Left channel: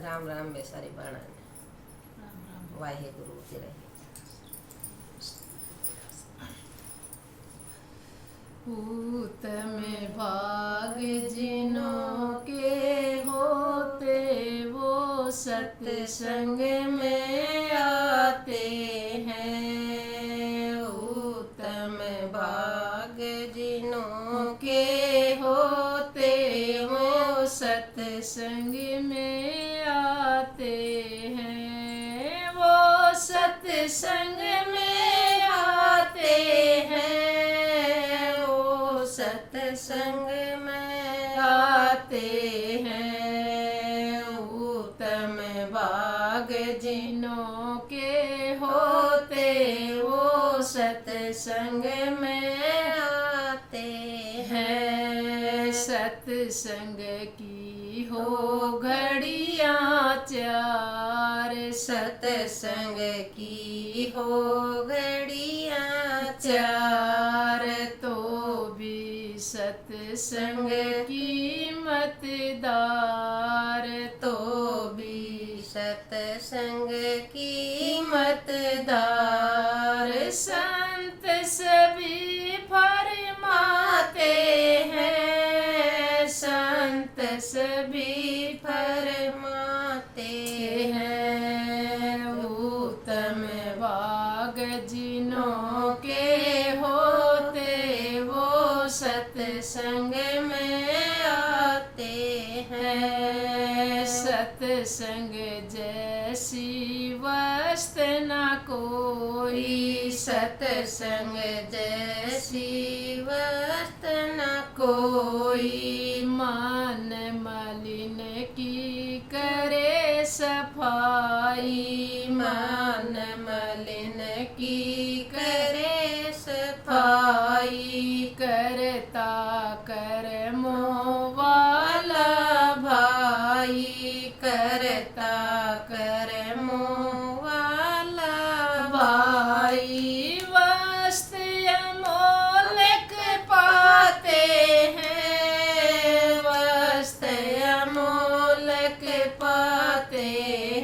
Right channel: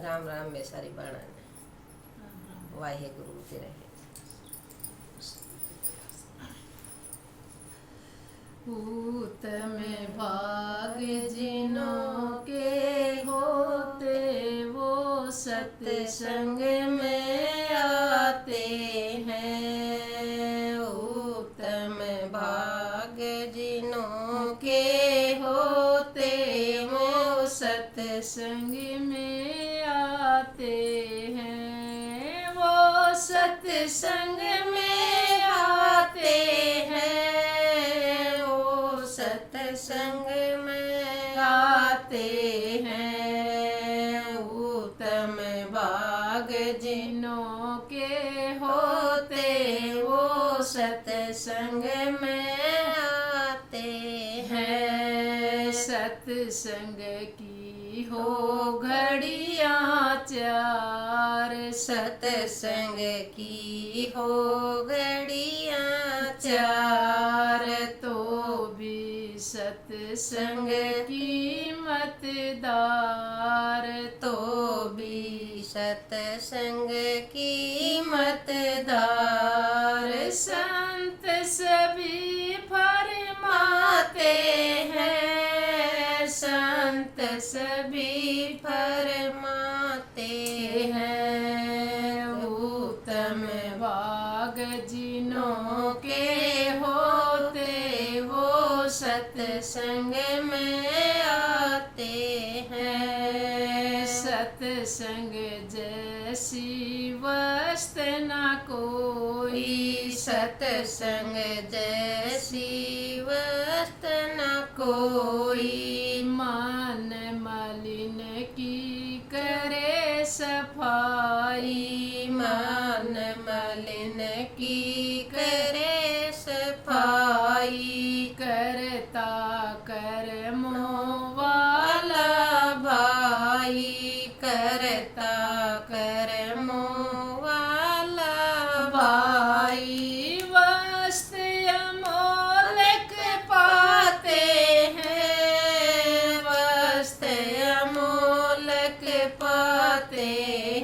राम राम बेसारी बाणा ने वाहेगुरु के रहे। उत्तम भाग जिनों के होते वो सत्संग में आते हैं। उत्तम भाग जिनों के होते वो सत्संग में आते हैं। वो सत्संग में आते हैं। वो सत्संग में आते हैं। उत्तम भाग जिनों के होते वो सत्संग में आते हैं। सत्संग की हो घड़ियाँ चार, सत्संग की हो घड़ियाँ चार, तो भी सत्संग की मतदार, तो भी सत्संग की मतदार। संत सभी फरमाते हैं, संत सभी फरमाते हैं। उत्तम भाग जिनों के होते वो सत्संग में आते हैं। सत्संग जैसी वस्तु न कोई, सत्संग जैसी वस्तु न कोई। मन मलिन की करे सफाई, मन मलिन की करे सफाई। करता कर्मों वाला भाई, करता कर्मों वाला भाई। वस्तु अमोलक पाते हैं, वस्तु अमोलक पाते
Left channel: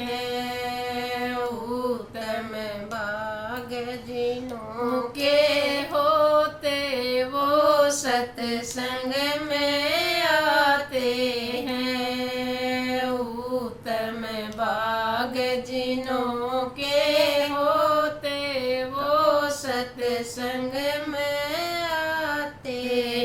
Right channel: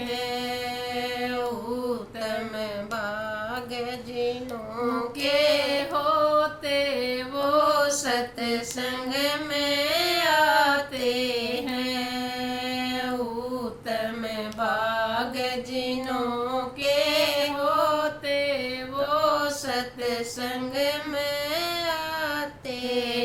हैं। उत्तम भाग जिनों के होते वो सत्संग में आते हैं। उत्तम भाग जिनों के होते वो सत्संग में आते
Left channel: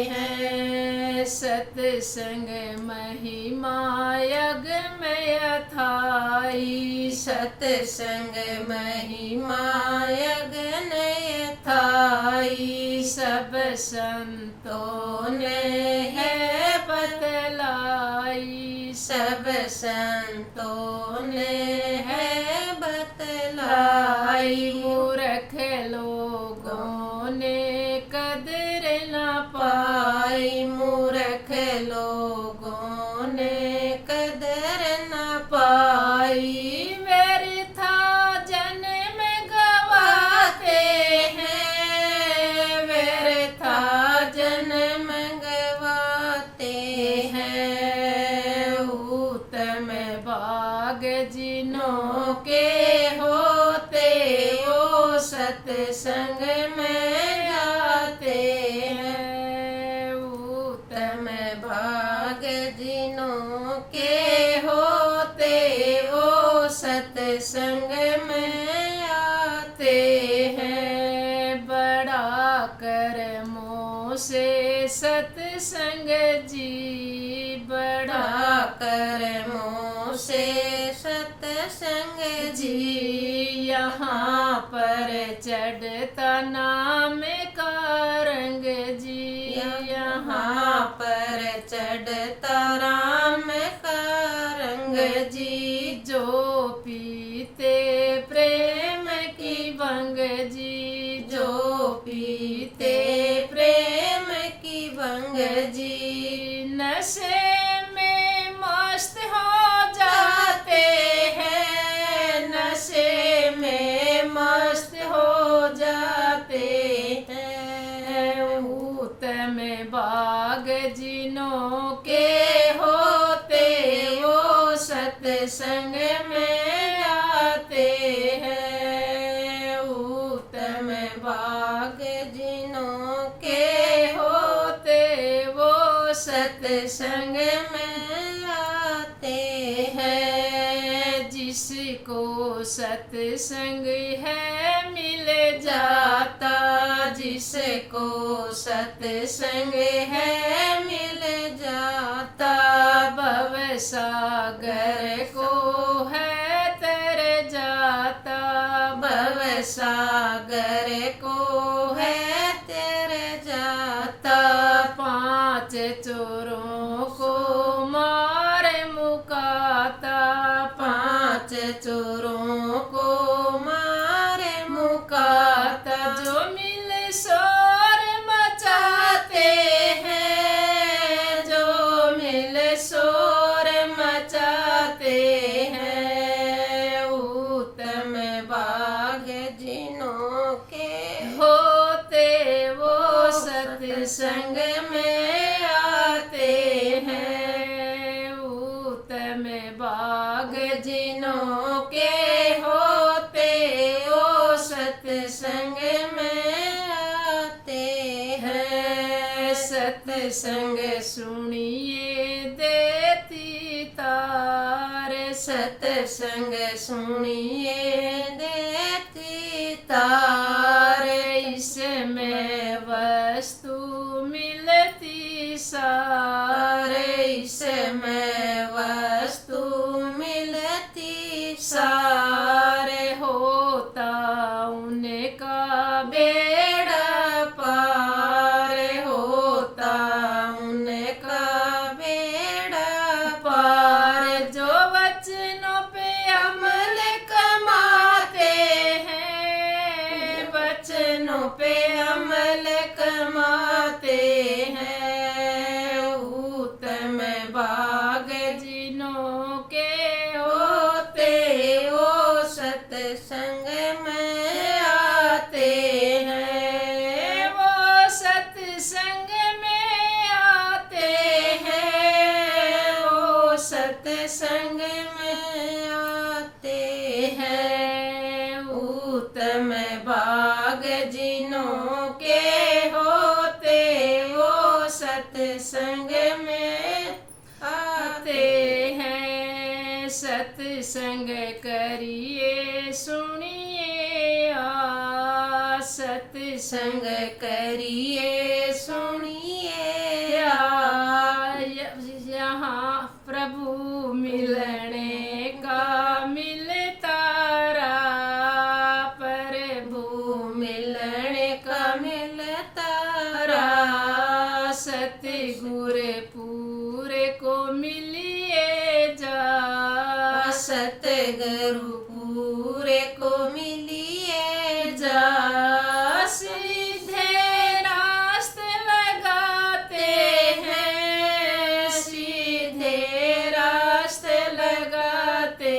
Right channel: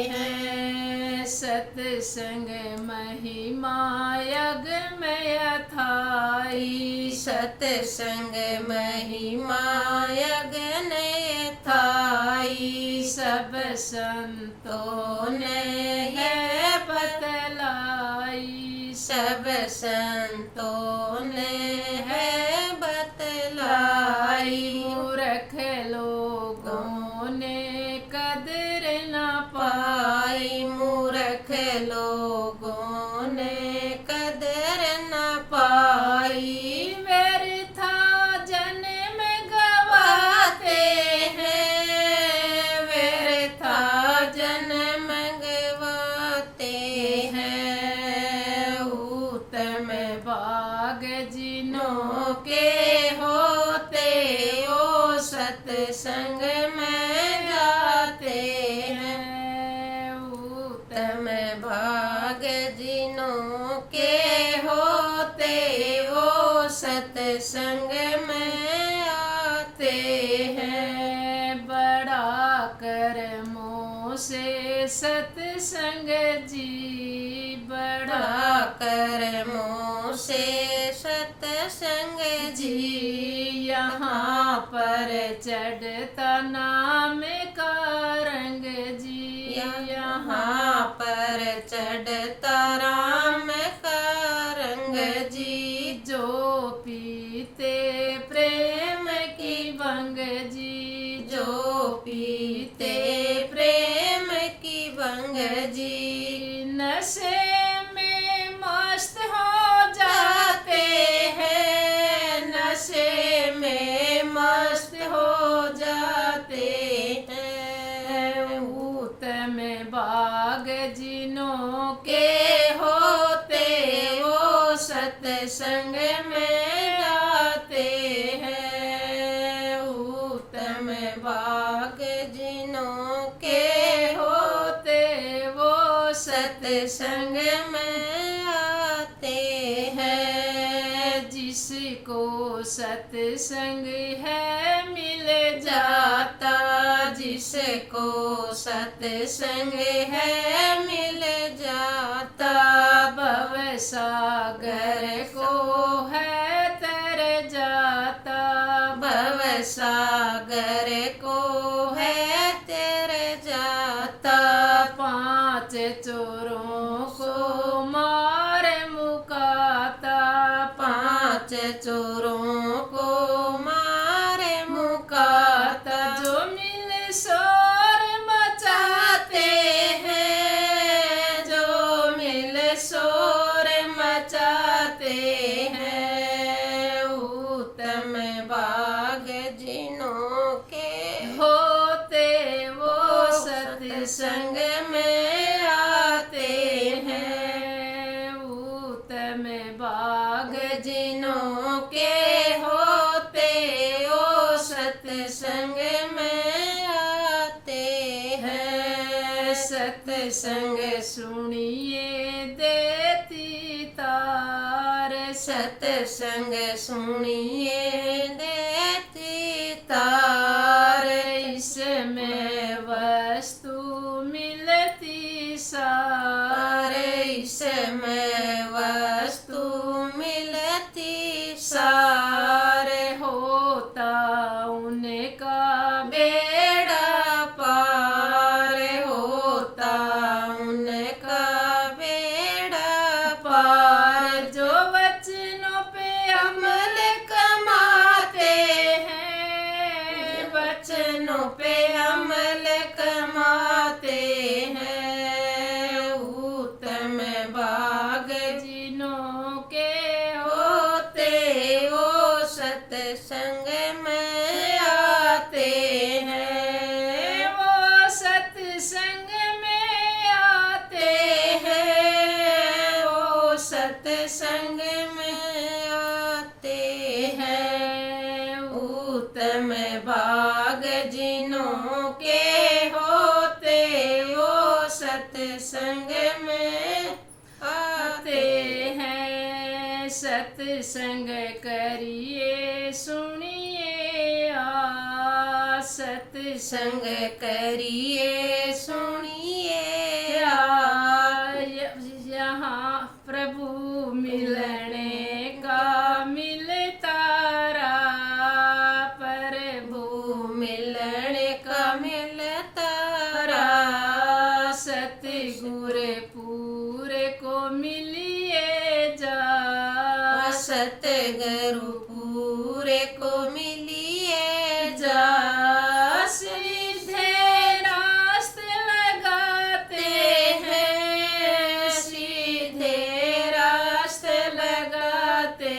हैं। सत्संग महिमा यज्ञमय थाई, सत्संग महिमा यज्ञमय थाई। सब संतों ने है बतलाई, सब संतों ने है बतलाई। मूर्ख लोगों ने कदर न पाई, मूर्ख लोगों ने कदर न पाई। व्यर्था जन्म गवाते हैं, व्यर्था जन्म गवाते हैं। उत्तम भाग जिनों के होते वो सत्संग में जाते हैं। उत्तम भाग जिनों के होते वो सत्संग में आते हैं। बड़ा कर्मों से सत्संग जी, बड़ा कर्मों से सत्संग जी। यहाँ पर चढ़ता नाम का रंग जी, यहाँ पर चढ़ता राम का रंग जी। जो पीते प्रेम की भंग जी, जो पीते प्रेम की भंग जी। नशे में मस्त हो जाते हैं, नशे में मस्त हो जाते हैं। उत्तम भाग जिनों के हो सत्संग में आते हैं। उत्तम भाग जिनों के होते वो सत्संग में आते हैं। जिसको सत्संग है मिल जाता, जिसको सत्संग है मिल जाता। भव सागर को है तर जाता, भव सागर को है तर जाता। पांच चोरों को मार मुकाता, पांच चोरों को मार मुकाता। जो मिल शोर मचाते हैं, जो मिल शोर मचाते हैं। उत्तम भाग जिनों के होते वो सत्संग में आते हैं। उत्तम भाग जिनों के होते वो सत्संग में आते हैं। सत्संग सुनिए देती तार, सत्संग सुनिए देती तार। इसमें वस्तु मिलती सार, इसमें वस्तु मिलती सार। होता उनका बेड़ा पार, होता उनका बेड़ा पार। जो वचनों पे अमल कमाते हैं, वचनों पे अमल कमाते हैं। उत्तम भाग जिनों के होते वो सत्संग में आते हैं। वो सत्संग में आते हैं, वो सत्संग में आते हैं। उत्तम भाग जिनों के होते वो सत्संग में आते हैं। सत्संग करिए सुनिए आ, सत्संग करिए सुनिए आ। यहाँ प्रभु मिलने का मिलता रहा, प्रभु मिलने का मिलता रहा। सतगुर पूरे को मिलिए जा, सतगुरु पूरे को मिलिए जा। सीधे रास्ते लगाते हैं, सीधे रास्ते लगाते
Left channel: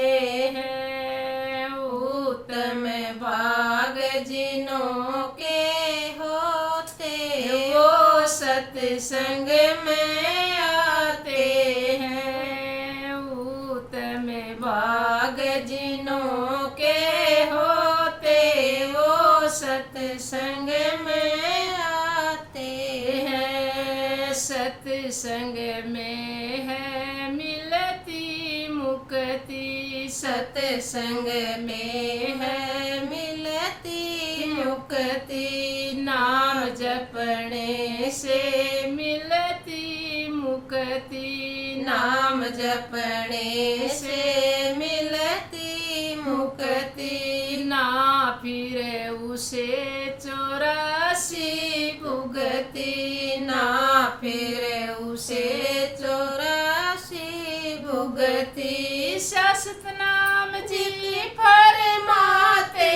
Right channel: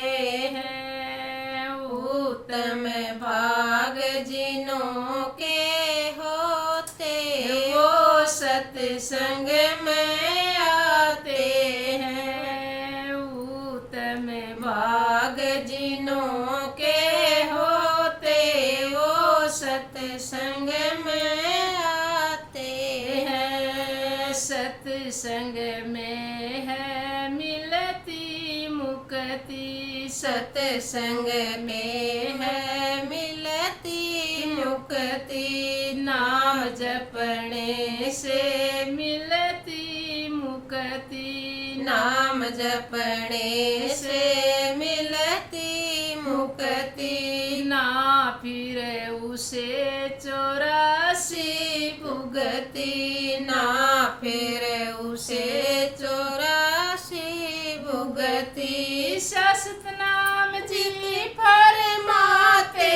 हैं। उत्तम भाग जिनों के होते वो सत्संग में आते हैं। उत्तम भाग जिनों के होते वो सत्संग में आते हैं। सत्संग में है मिलती मुक्ति, सत्संग में है मिलती मुक्ति। नाम जपने से मिलती मुक्ति, नाम जपने से मिलती मुक्ति। ना फिर उसे 84 भुगती, ना फिर उसे 84 भुगती। शाश्वत नाम जी फरमाते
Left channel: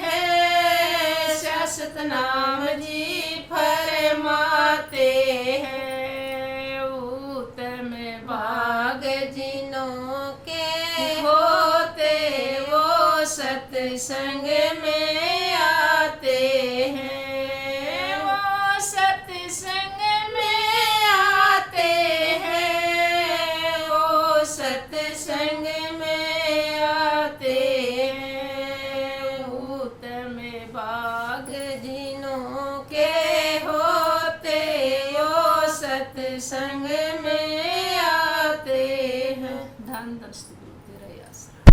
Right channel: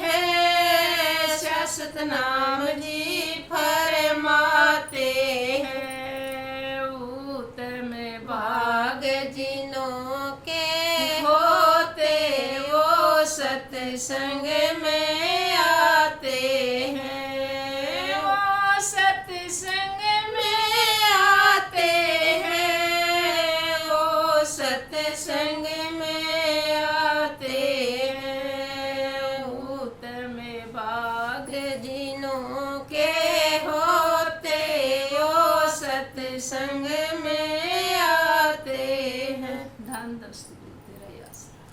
हैं, शाश्वत नाम जी फरमाते हैं। उत्तम भाग जिनों के होते वो सत्संग में आते हैं। वो सत्संग में आते हैं, वो सत्संग में आते हैं। उत्तम भाग जिनों के होते वो सत्संग में आते हैं। धन दृष्टि तेरा आसरा।